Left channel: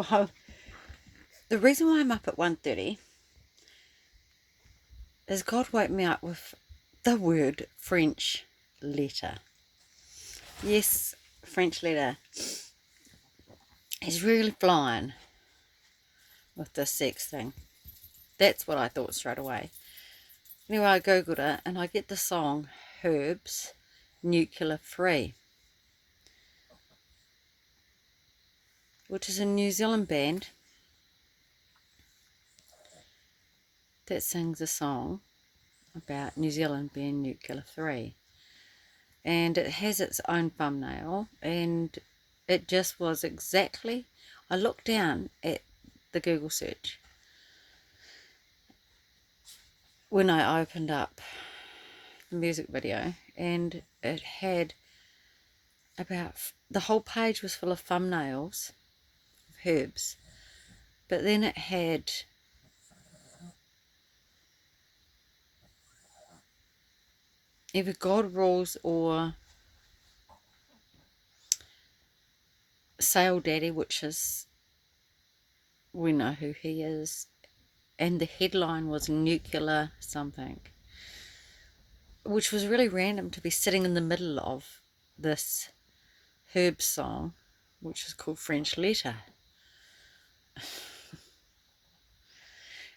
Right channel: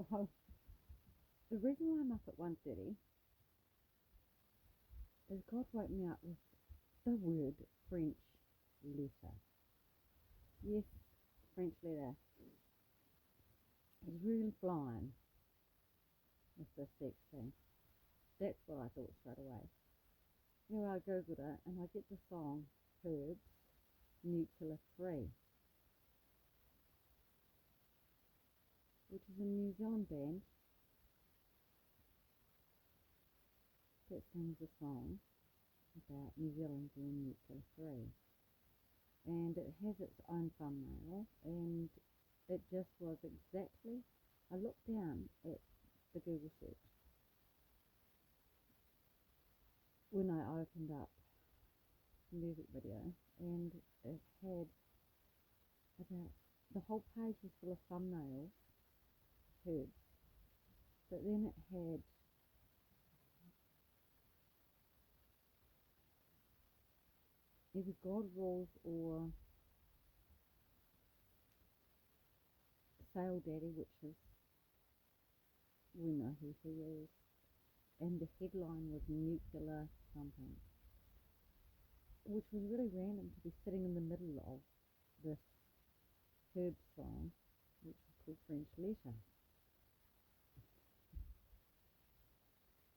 Well, the reason why I'm up at 1:30 is God woke me up with the word French letter. Yes, French letter. He's really flying with this sex thing. That's what I thought straight away. Anyway, I googled it and I get the song Herbs Nuclear Free, which is a New Zealand band that sings a song about New Zealand being nuclear free. And it has its own thumbnail, and it just was exactly, I looked down at the Google search when I opened up the music video, and it had about, the whole page was full of thumbnails of herbs, but then it had either God rules or Sale Daddy, which is, we know who he is, and the headline was nuclear something, which was really random to be sitting in the middle of this herb song, which is called French Letter.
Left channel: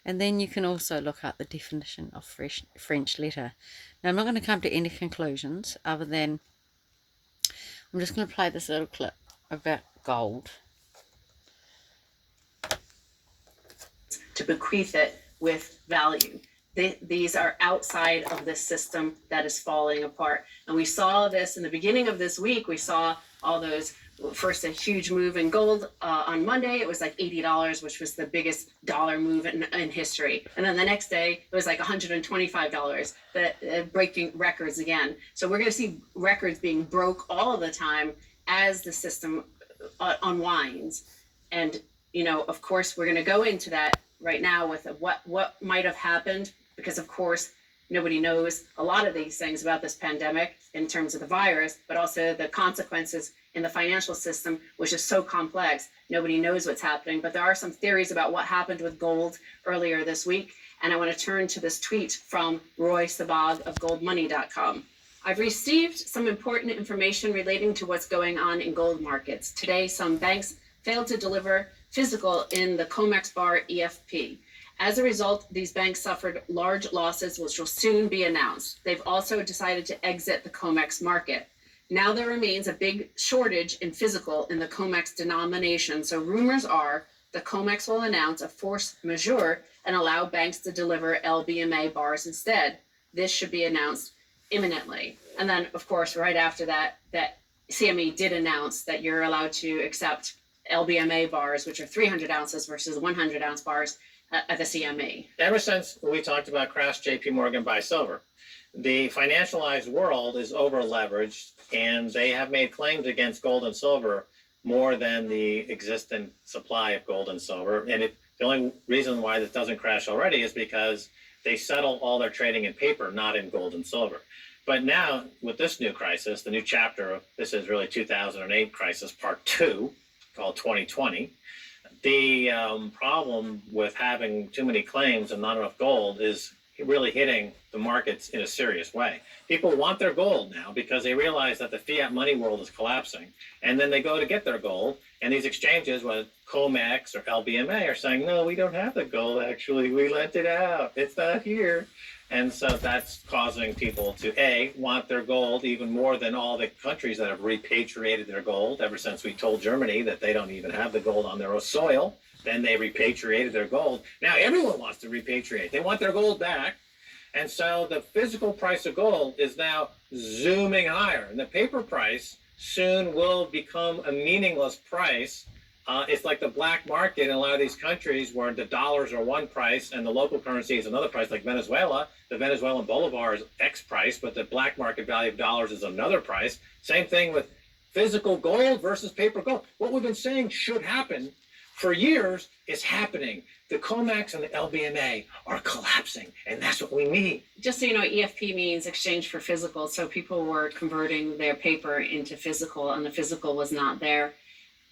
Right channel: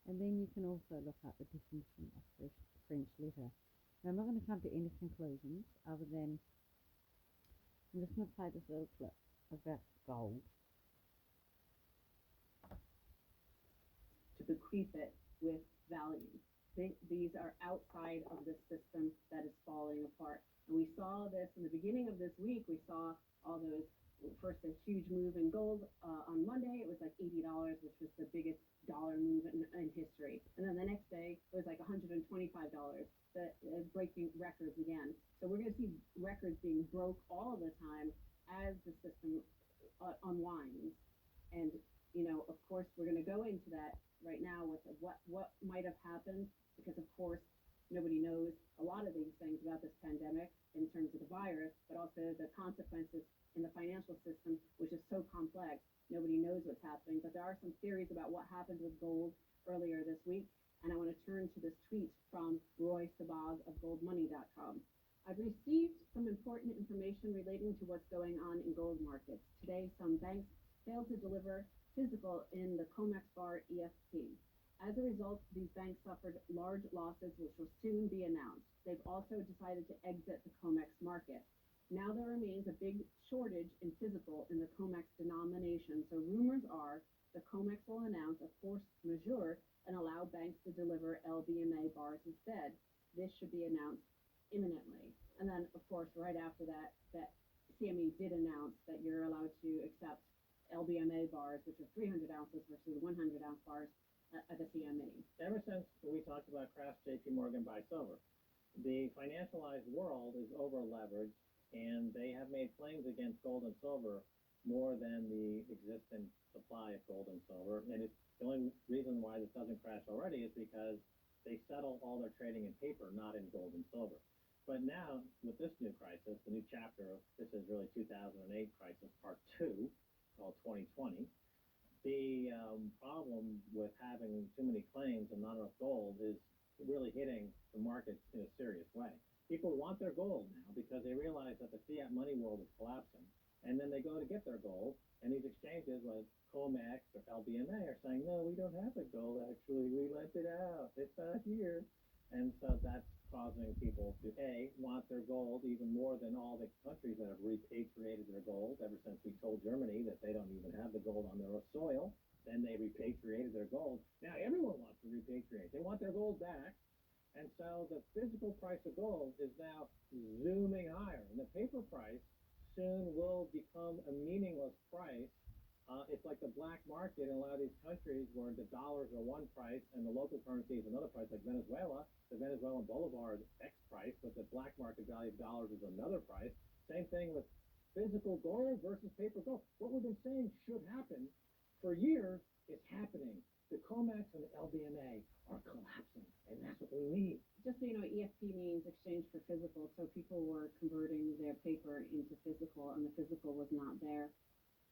And then you can also look up the definition of French letter. Now, I'm not going to come to any conclusions other than I'm just going to play this little clip about gold. To bequeath it with value. These are outside of this system that is falling apart. And we saw this in the beginning of this week. We saw all those, first a huge move in gold on Monday. It was like $80, which was the biggest dollar move in history. And then the next day, it was like $125, breaking records again. So we're going to see records being broke all the time as the system unwinds. And, you know, of course, we're going to go into that right now with what might have happened, because of course nobody knows a lot of these things about this pandemic in terms of the virus, but also the consequences in the financial system, which is so complex. Nobody knows what's happening, but there are some theories about what happened with gold earlier this week. And I want to turn to this tweet from Roy Sabag of goldmoney.com. I've received some important information relating to what's going on in gold markets. Today, some banks failed to deliver physical in the COMEX bar EFP. As a result, these banks suffered large losses, which will soon be announced. They've also decided to exit the COMEX market. Now there remains a big shortage in physical in the COMEX denomination, so rumors are the COMEX will announce a force majeure and allow banks to deliver LBMA bars instead. This should be announced imminently. And then, of course, right after that, that CME did announce that you're allowed to accept LBMA bars, which are 300 ounces versus 100-ounce bars at the CME. Ever since we talked about crash JP Morgan buy silver, the financialized world is over leveraged, and they have made claims against gold and silver more than the existent supply of gold and silver. And the only reason why this doesn't crash already is because they settle all their trading in paper, not in gold and silver. But now, with this new crisis, the new chapter, this is really 2008 crisis, part 2, called 2020. The problem with having too many claims and not enough gold is really hitting the markets in a serious way. People want their gold now because they realize that the fiat money world is collapsing. And then they go to get their gold, and these exchanges, whether COMEX or LBMA, are saying, no, we don't have the gold, actually. We lent it out. It's not here. And so that's causing people to, A, want their gold even more than all the countries that have repatriated their gold ever since we told Germany that they don't even have the gold on their own soil. Then they repatriated their gold. Now everyone wants to repatriate. They want their gold back. And so the physical price of gold is now zooming higher. And the paper price soon will become a meaningless price. It's like the black market in a lot of these countries where the dollars are one price and the local currency is another price, like Venezuela. The Venezuelan bolivar is X price, but the black market value of dollars is another price. Same thing with physical gold versus paper gold. What we've been saying should happen for years is happening. The COMEX and the LBMA are collapsing, and that's what we need. Just so you know, EFP means exchange for physical. So people were converting their paper into physical, and the physical was not there.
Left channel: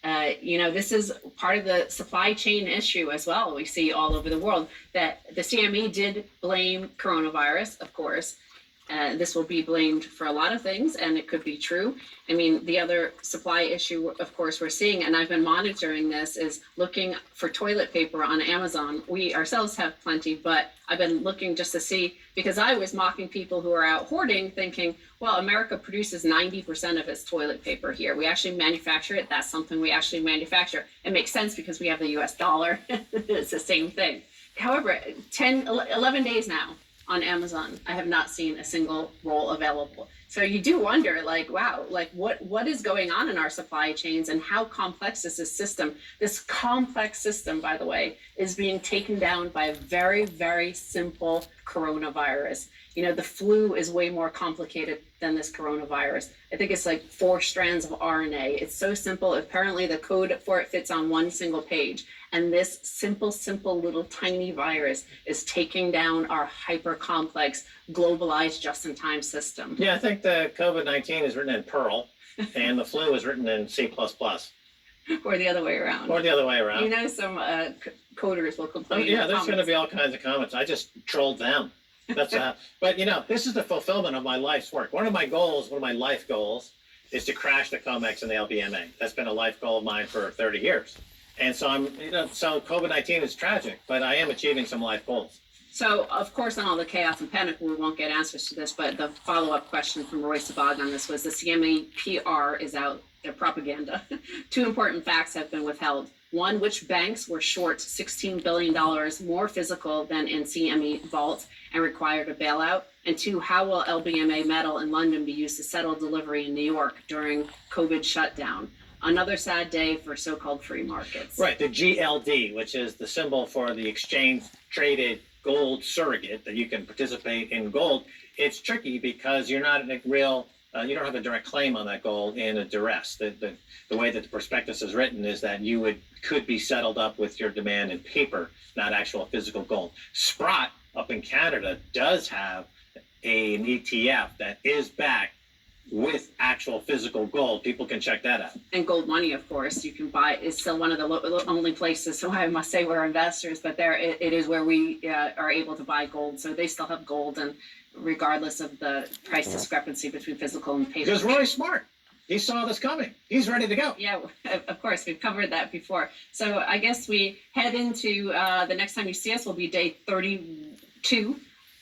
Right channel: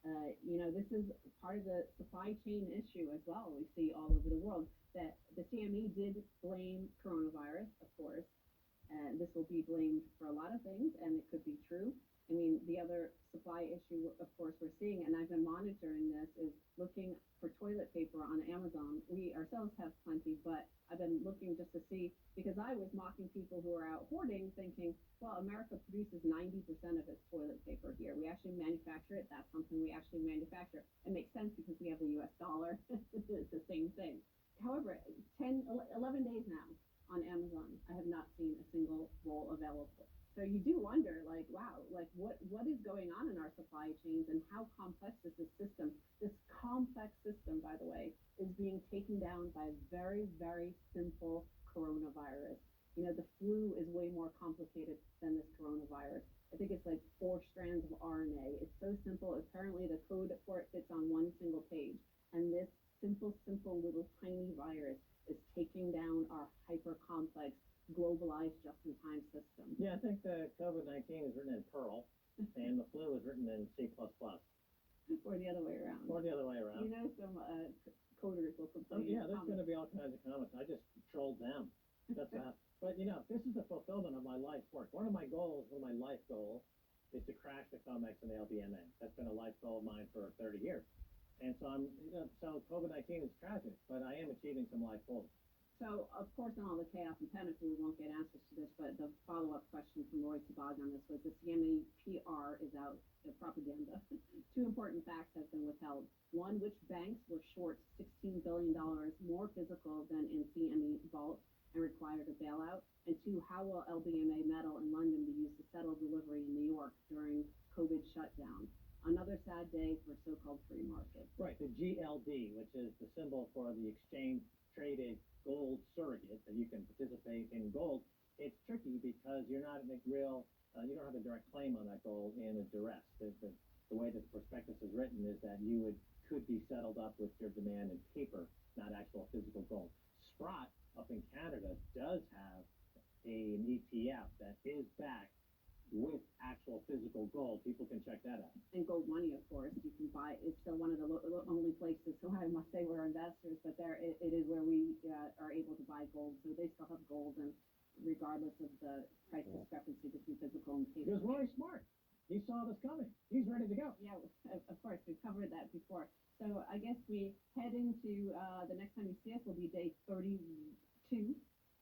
This is part of the supply chain issue as well. We see all over the world that the CME did blame coronavirus, of course. This will be blamed for a lot of things, and it could be true. I mean, the other supply issue, of course, we're seeing, and I've been monitoring this, is looking for toilet paper on Amazon. We ourselves have plenty, but I've been looking just to see, because I was mocking people who are out hoarding, thinking, well, America produces 90% of its toilet paper here. We actually manufacture it. That's something we actually manufacture. It makes sense because we have the US dollar. It's the same thing. However, 11 days now on Amazon, I have not seen a single roll available. So you do wonder, like, wow, like what is going on in our supply chains, and how complex is this system? This complex system, by the way, is being taken down by a very, very simple coronavirus. The flu is way more complicated than this coronavirus. I think it's like 4 strands of RNA. It's so simple. Apparently the code for it fits on one single page. And this simple little tiny virus is taking down our hyper complex, globalized, just-in-time system. Yeah, I think the COVID-19 is written in Perl, and the flu is written in C++. Or the other way around. Or the other way around. Some coders will complain. Yeah, there's going to be all kinds of comments. I just trolled them. That's but this is the fulfillment of my life's work. One of my life goals, is to crash the COMEX and the LBMA. That's been a life goal of mine for 30 years. And so so COVID-19 is tragic, but I am achieving some life goals. So, of course, on all the chaos and panic, we won't get answers to this, but the follow-up question from Roy Sabag on this was, the CME PR is out, their propaganda. 2 important facts have been withheld. 1, which banks were short $16 billion more physical than in CME vaults and required a bailout? And 2, how will LBMA metal in London be used to settle delivery in New York during COVID shutdown? Another sad day for so-called free markets. Right, the GLD, which is the symbol for the exchange-traded gold surrogate, that you can participate in gold. It's tricky because you're not in a real, you don't have a direct claim on that gold in a duress. The way that the prospectus is written is that you could be settled up with your demand in paper, not actual physical gold. Sprott up in Canada does have an ETF that is backed with actual physical gold. People can check that out. And gold money, of course, you can buy. It's still one of the only places, so I must say we're investors, but it is where we are able to buy gold. So they still have gold, and regardless of the price discrepancy between physical and paper. Because Roy's smart. He saw this coming. He's ready to go. Yeah, of course. We've covered that before. So I guess we head into the next time you see us will be day 32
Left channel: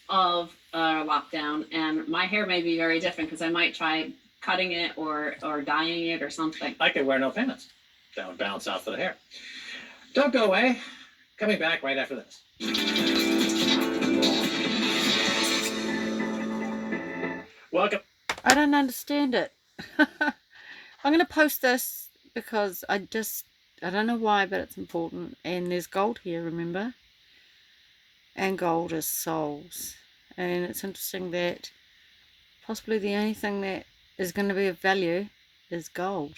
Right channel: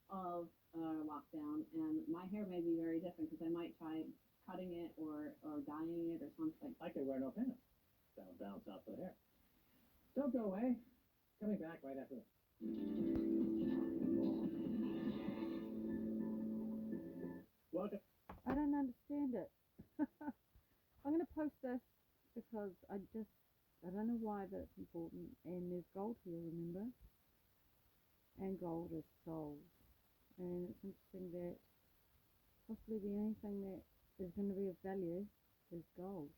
of lockdown, and my hair may be very different because I might try cutting it or dyeing it or something. I could wear no pants. That would balance out for the hair. Don't go away. Coming back right after this. Welcome. I don't understand it. I'm going to post this because I don't know why, but it's important. And there's gold here, remember? And gold is souls. And it's interesting that possibly the only thing that is going to be of value is gold.